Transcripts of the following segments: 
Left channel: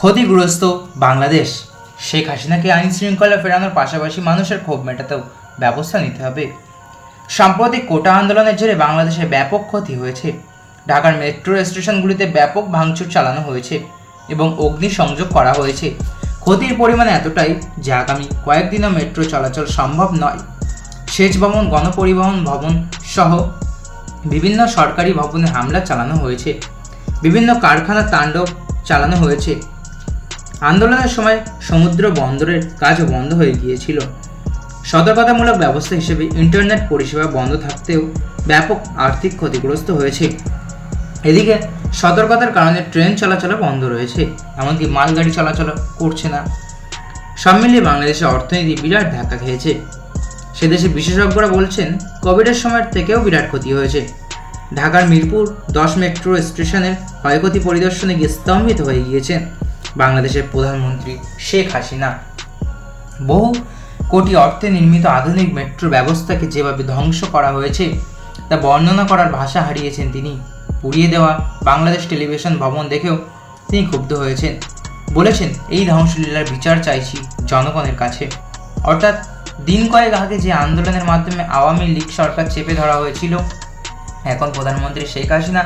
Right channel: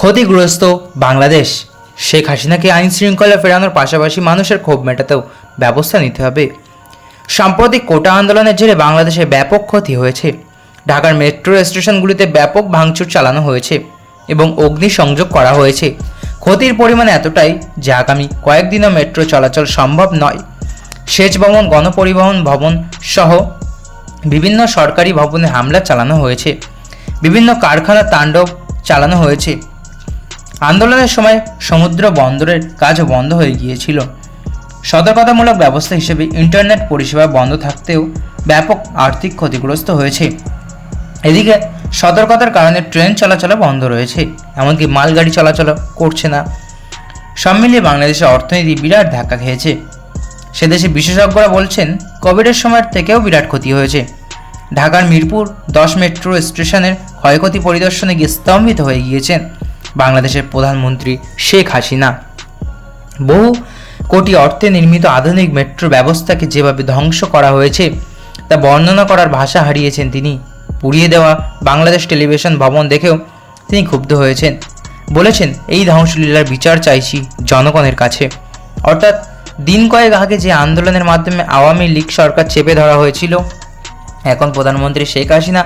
ক্ষতিগ্রস্ত বাংলাদেশ। শেখ হাসিনাকে আইন শৃঙ্খলা ফেরানোর পাশাপাশি মানুষের ক্ষোভ মেটাতেও ব্যবস্থা নিতে হবে। সাম্প্রতিক কোটা আন্দোলনের জেরে বাংলাদেশে ব্যাপক ক্ষতি হয়েছে। ঢাকার মেট্রো স্টেশনগুলিতে ব্যাপক ভাঙচুর চালানো হয়েছে এবং অগ্নিসংযোগ করা হয়েছে। ক্ষতির পরিমাণ এতটাই যে আগামী কয়েকদিনও মেট্রো চলাচল সম্ভব নয়। সেচ ভবন, গণপরিবহন ভবন সহ বিভিন্ন সরকারি ভবনে হামলা চালানো হয়েছে। বিভিন্ন কারখানা তাণ্ডব চালানো হয়েছে। আন্দোলনের সময় সমুদ্র বন্দরের কাজও বন্ধ হয়ে গিয়েছিল। সতর্কতামূলক ব্যবস্থা হিসেবে ইন্টারনেট পরিষেবা বন্ধ থাকতেও ব্যাপক আর্থিক ক্ষতিগ্রস্ত হয়েছে। এদিকে সতর্কতার কারণে ট্রেন চলাচলও বন্ধ রয়েছে, এমনকি মালগাড়ি চলাচল করছে না। সব মিলিয়ে বাংলাদেশের অর্থনীতি বিরাট ধাক্কা খেয়েছে। সে দেশে বিশেষজ্ঞরা বলছেন, কোভিডের সময়ের থেকেও বিরাট ক্ষতি হয়েছে। ঢাকার মিরপুর দশ মেট্রো স্টেশনের ক্ষয়ক্ষতি পরিদর্শনে গিয়ে স্তম্ভিত হয়ে গিয়েছেন। বাংলাদেশের প্রধানমন্ত্রী শেখ হাসিনা। বহু কোটি অর্থে নির্মিত আধুনিক মেট্রো ব্যবস্থাকে যেভাবে ধ্বংস করা হয়েছে, তা বর্ণনা করার ভাষা হারিয়েছেন তিনি। পুড়িয়ে দেওয়া বাংলাদেশ টেলিভিশন ভবন দেখেও তিনি ক্ষুব্ধ হয়েছেন। বলেছেন, এই ধ্বংসলীলার বিচার চাইছি জনগণের কাছে। অর্থাৎ, দিন কয়েক আগে যে আন্দোলনের মাধ্যমে আওয়ামী লীগ সরকার চেপে ধরা হয়েছিল, এখন প্রধানমন্ত্রী শেখ হাসিনা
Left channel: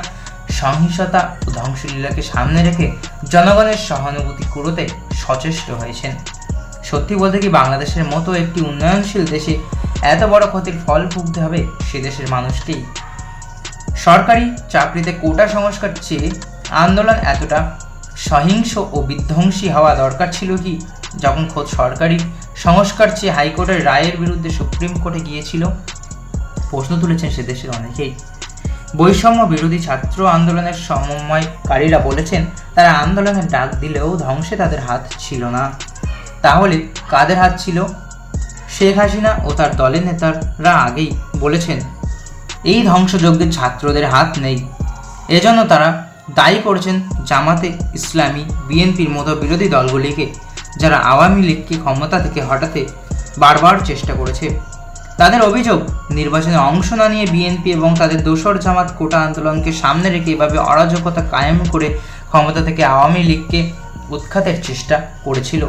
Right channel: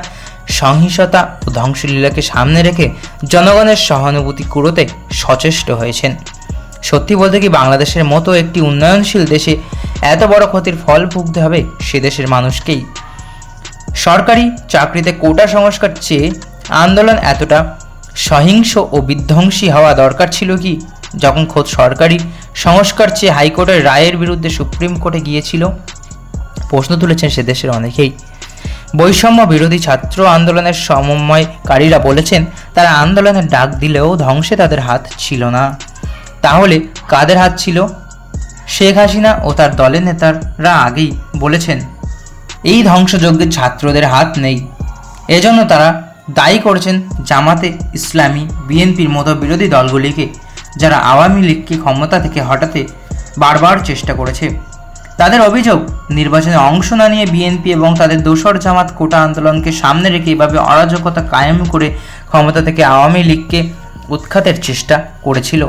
সহিংসতা ও ধ্বংসলীলাকে সামনে রেখে জনগণের সহানুভূতি কুড়োতে সচেষ্ট হয়েছেন। সত্যি বলতে কি বাংলাদেশের মতো একটি উন্নয়নশীল দেশে এত বড় ক্ষতির ফল ভুগতে হবে সে দেশের মানুষকেই। সরকারি চাকরিতে কোটা সংস্কার চেয়ে আন্দোলন এতটা সহিংস ও বিধ্বংসী হওয়া দরকার ছিল কি? যখন খোদ সরকারি সংস্কার চেয়ে হাইকোর্টের রায়ের বিরুদ্ধে সুপ্রিম কোর্টে গিয়েছিল? প্রশ্ন তুলেছেন সে দেশের অনেকেই। বৈষম্য বিরোধী ছাত্র আন্দোলনের সমন্বয়কারীরা বলেছেন, তারা আন্দোলনের ডাক দিলেও ধ্বংসে তাদের হাত ছিল না। তাহলে কাদের হাত ছিল? শেখ হাসিনা ও তার দলের নেতারা আগেই বলেছেন, এই ধ্বংসযজ্ঞের ছাত্রদের হাত নেই। এজন্য তারা দায়ী করেছেন জামাতে ইসলামী, বিএনপির মতো বিরোধী দলগুলিকে, যারা আওয়ামী লীগকে ক্ষমতা থেকে হটাতে বারবার চেষ্টা করেছে। তাদের অভিযোগ, নির্বাচনে অংশ না নিয়ে বিএনপি এবং তাদের দোসর জামাত কোটা আন্দোলনকে সামনে রেখে এভাবে অরাজকতা কায়েম করে ক্ষমতা থেকে আওয়ামী লীগকে উৎখাতের চেষ্টা করেছিল।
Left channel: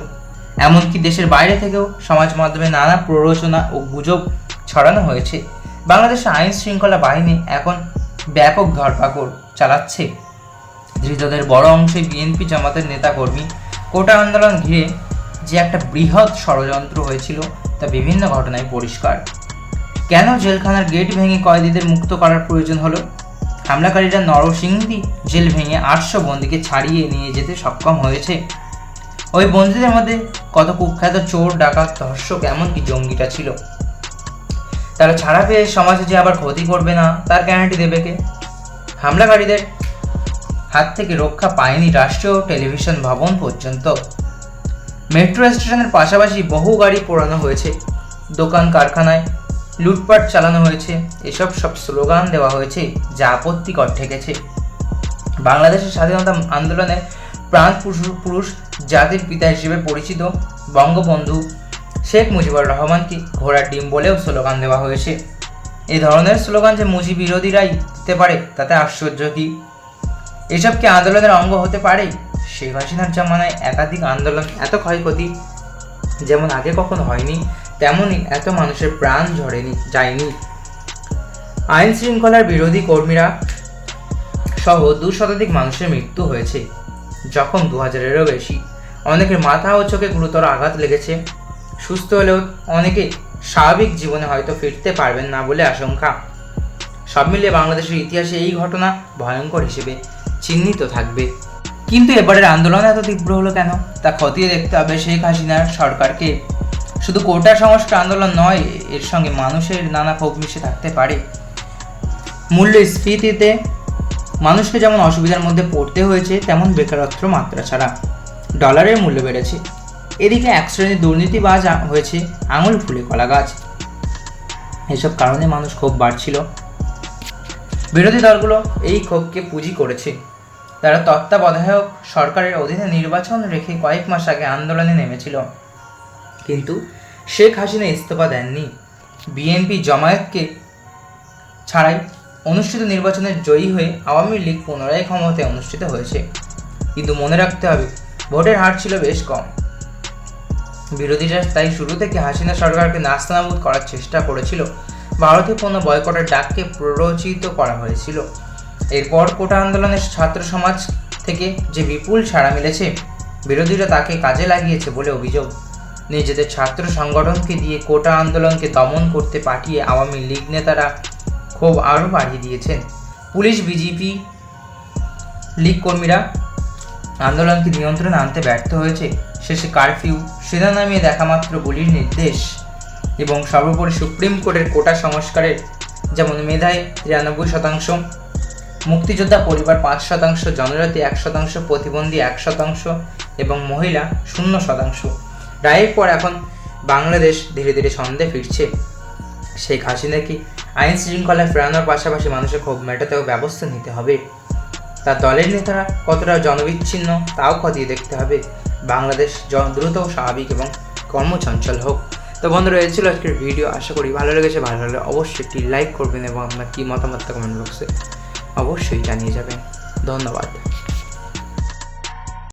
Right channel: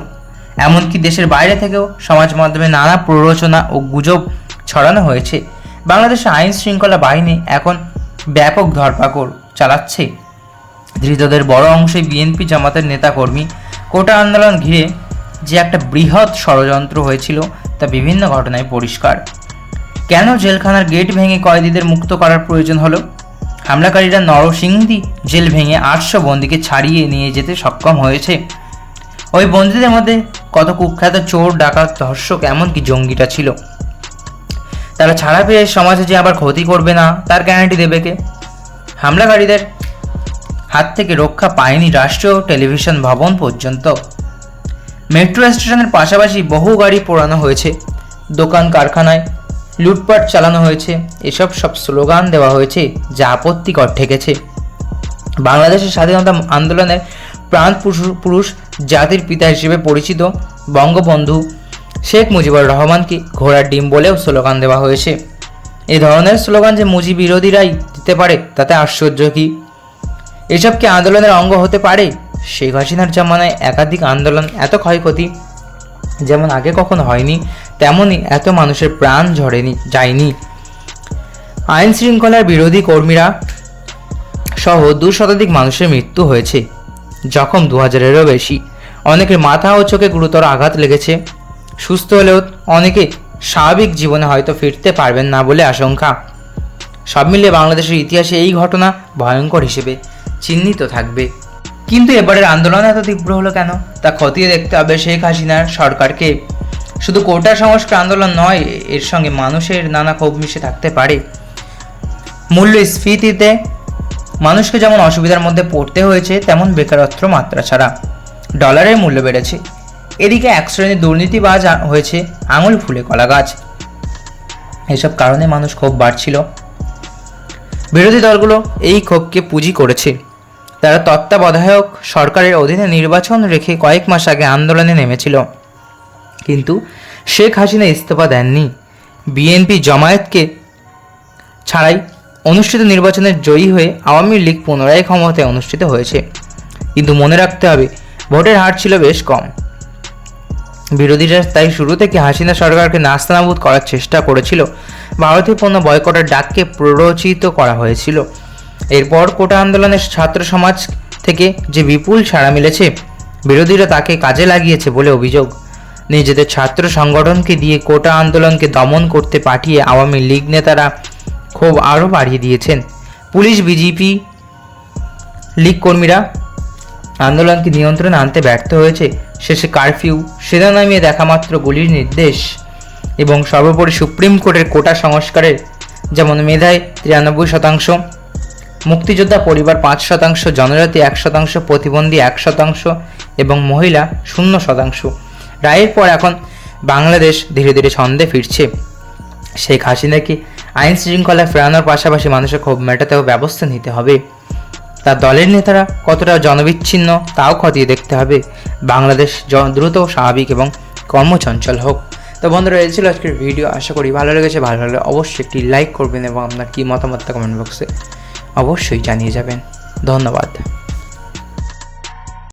এমনকি দেশের বাইরে থেকেও সমাজ মাধ্যমে নানা প্ররোচনা ও গুজব ছড়ানো হয়েছে। বাংলাদেশের আইন শৃঙ্খলা বাহিনী এখন ব্যাপক ধরপাকড় চালাচ্ছে। ধৃতদের বড় অংশে বিএনপি জামাতের নেতাকর্মী। কোটা আন্দোলন ঘিরে যে একটা বৃহৎ ষড়যন্ত্র হয়েছিল তা বিভিন্ন ঘটনায় পরিষ্কার। কেন জেলখানার গেট ভেঙে কয়েদিদের মুক্ত করার প্রয়োজন হলো? হামলাকারীরা নরসিংদী জেল ভেঙে আটশো বন্দীকে ছাড়িয়ে নিয়ে যেতে সক্ষম হয়েছে। ওই বন্দীদের মধ্যে কত কুখ্যাত চোর, ডাকাত, ধর্ষক, এমনকি জঙ্গিটা ছিল। তারা ছাড়া পেয়ে সমাজে যে আবার ক্ষতি করবে না, তার গ্যারান্টি দেবে কে? হামলাকারীদের হাত থেকে রক্ষা পায়নি রাষ্ট্রীয় টেলিভিশন ভবন পর্যন্ত। মেট্রো স্টেশনের পাশাপাশি বহু গাড়ি পোড়ানো হয়েছে, দোকান কারখানায় লুটপাট চালানো হয়েছে, এসব সব স্লোগান দেওয়া হয়েছে, যা আপত্তিকর ঠেকেছে। বাংলাদেশের স্বাধীনতা আন্দোলনের প্রাণ পুরু- পুরুষ জাতির পিতা হিসেবে পরিচিত বঙ্গবন্ধু শেখ মুজিবুর রহমানকে ঘোড়ার ডিম বলেও স্লোগান দেওয়া হয়েছে। এ ধরনের স্লোগান যে মুজি বিরোধীরাই দিতে পারে, তাতে আশ্চর্য কি? এসব কি আন্দোলনের অঙ্গ হতে পারে? শেখ হাসিনার জামানায় একাধিক আন্দোলন এত ক্ষয়ক্ষতি যেমন আগে কখনো হয়নি, তেমনই এত মানুষের প্রাণ ঝরেনি, যায়নি। আইন শৃঙ্খলার বিরোধী কর্মীরা সহ দু শতাধিক মানুষের মৃত্যু হয়েছে, জখম দু হাজারেরও বেশি। অনেকের মাথা ও চোখে গুরুতর আঘাত লেগেছে। সুস্থ হলেও অনেকে স্বাভাবিক জীবনে হয়তো ফিরতে পারবেন না বলে আশঙ্কা। সব মিলিয়ে বাংলাদেশের ইতিহাসে এই ঘটনা ভয়ঙ্কর হিসেবে চিহ্নিত থাকবে। কিন্তু এবারের আন্দোলন এত তীব্র হলো কেন? তা খতিয়ে দেখতে হবে শেখ হাসিনার সরকারকে। শুধু কোটা সংস্কার আন্দোলন নয়, এর সঙ্গে মানুষের নানা ক্ষোভ মিশে থাকতে পারে। মূল্যস্ফীতিতে মানুষকে যেমন অসুবিধার মধ্যে পড়তে হয়েছে, তেমন বেকারত্ব মাত্রা ছাড়া ডলারের মূল্য বেড়েছে। এদিকে এক শ্রেণির দুর্নীতিবাজ হয়েছে আঙুল ফুলে কলা গাছ। এসব কারণে মানুষ ক্ষোভ বাড়ছিল। বিরোধী দলগুলো এই ক্ষোভকে পুঁজি করেছে। তারা তত্ত্বাবধায়ক সরকারের অধীনে নির্বাচন রেখে কয়েক মাস আগে আন্দোলনে নেমেছিল। কিন্তু শেখ হাসিনা ইস্তফা দেননি। বিএনপি জমায়েতকে ছাড়াই অনুষ্ঠিত নির্বাচনে জয়ী হয়ে আওয়ামী লীগ পুনরায় ক্ষমতায় অনুষ্ঠিত হয়েছে। কিন্তু মনে রাখতে হবে, ভোটের হার ছিল বেশ কম। বিরোধীরা তাই শুরু থেকে হাসিনা সরকারকে নাস্তানাবুদ করার চেষ্টা করেছিল। ভারতীয় পণ্য বয়কটের ডাককে প্ররোচিত করা হয়েছিল। এরপর কোটা আন্দোলনের ছাত্র সমাজ থেকে যে বিপুল সাড়া মিলেছে, বিরোধীরা তাকে কাজে লাগিয়েছে বলে অভিযোগ। নিজেদের ছাত্র সংগঠনকে দিয়ে কোটা আন্দোলনকে দমন করতে পাঠিয়ে আওয়ামী লীগ নেতারা ক্ষোভ আরও বাড়িয়ে দিয়েছেন। পুলিশ, বিজেপি লীগ কর্মীরা আন্দোলনকে নিয়ন্ত্রণে আনতে ব্যর্থ হয়েছে। শেষে কারফিউ, সেনা নামিয়ে দেখা মাত্র গুলির নির্দেশ এবং সর্বোপরি সুপ্রিম কোর্টের কোটা সংস্কারের যেমন মেধায় তিরানব্বই শতাংশ মুক্তিযোদ্ধা পরিবার পাঁচ শতাংশ, জনজাতি এক শতাংশ, প্রতিবন্ধী এক শতাংশ এবং মহিলা শূন্য শতাংশ। রায়ের পর এখন বাংলাদেশ ধীরে ধীরে ছন্দে ফিরছে। শেখ হাসিনাকে আইন শৃঙ্খলা ফেরানোর পাশাপাশি মানুষের ক্ষোভ মেটাতেও ব্যবস্থা নিতে হবে? তার দলের নেতারা কতটা জনবিচ্ছিন্ন তাও খতিয়ে দেখতে হবে। বাংলাদেশ দ্রুত স্বাভাবিক এবং কর্মচঞ্চল হোক। তো বন্ধুরা, এই ছিল আজকের ভিডিও। আশা করি ভালো লেগেছে। ভালো লাগলে অবশ্যই একটি লাইক করবেন এবং আপনার কী মতামত কমেন্ট বক্সে অবশ্যই জানিয়ে যাবেন। ধন্যবাদ।